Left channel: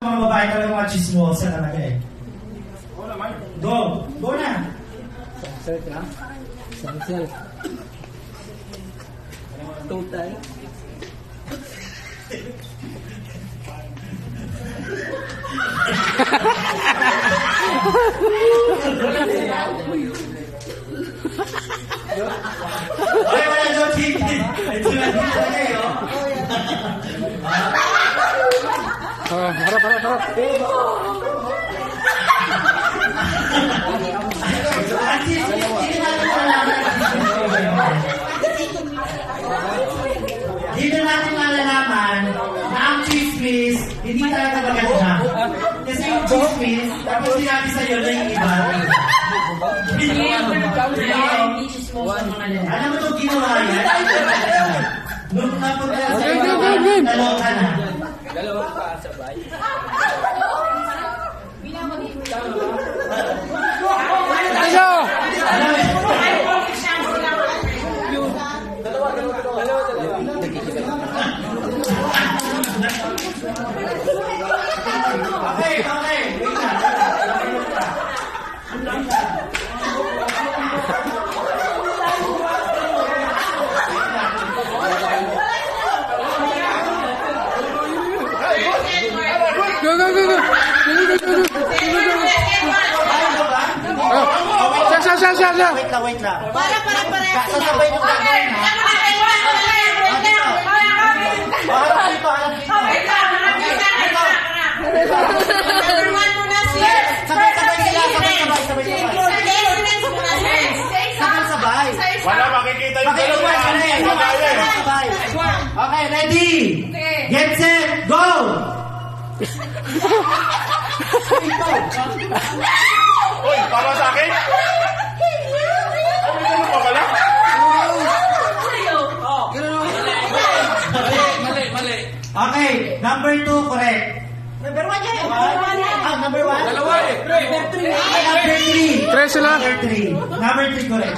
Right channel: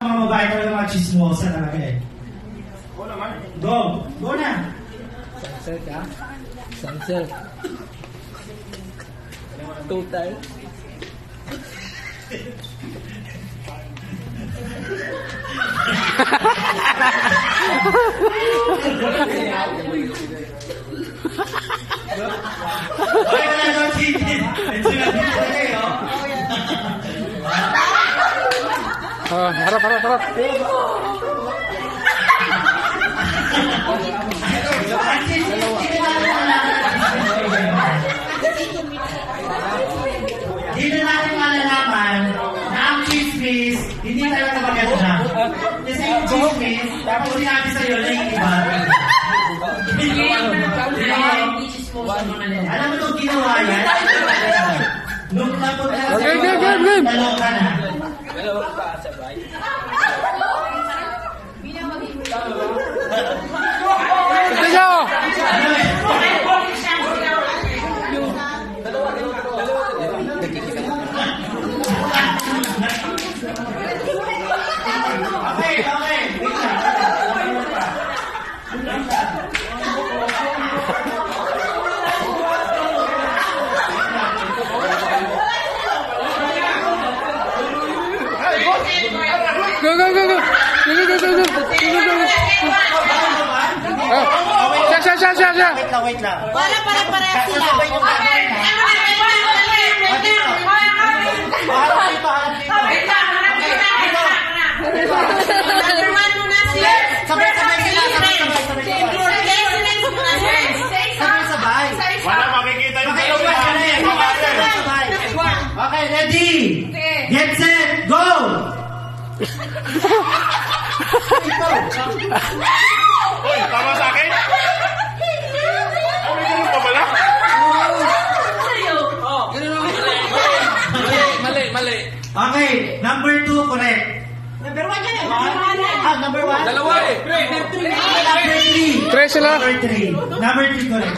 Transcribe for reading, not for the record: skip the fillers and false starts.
Mga babae talaga machismosa talaga eh. Oo naman. Go! Go na! Cancel ka? Cancel. Total. Ay, wala na daw chicken. Ito na din talaga eh, oh. Harap. Dito natin malalaman na ang chismis, hindi talaga maganda. Kasi yung chismis, tapos sinabi sa'yo na yung iba. Alam mo itong ginawa yan? Nung napunta sa dalawa ka na. Dalawa ka sabay. Go. Siya. Wait lang. Para. Sabay. Wala makikita yung Okay, ready? Get set, go! Uy, para sa akin? May ganun ka pala? Mali. Okay, number 2, correct. Number 1 yan. Number 1? Dalawa eh. Number 3. Tres sila. Number 3, correct.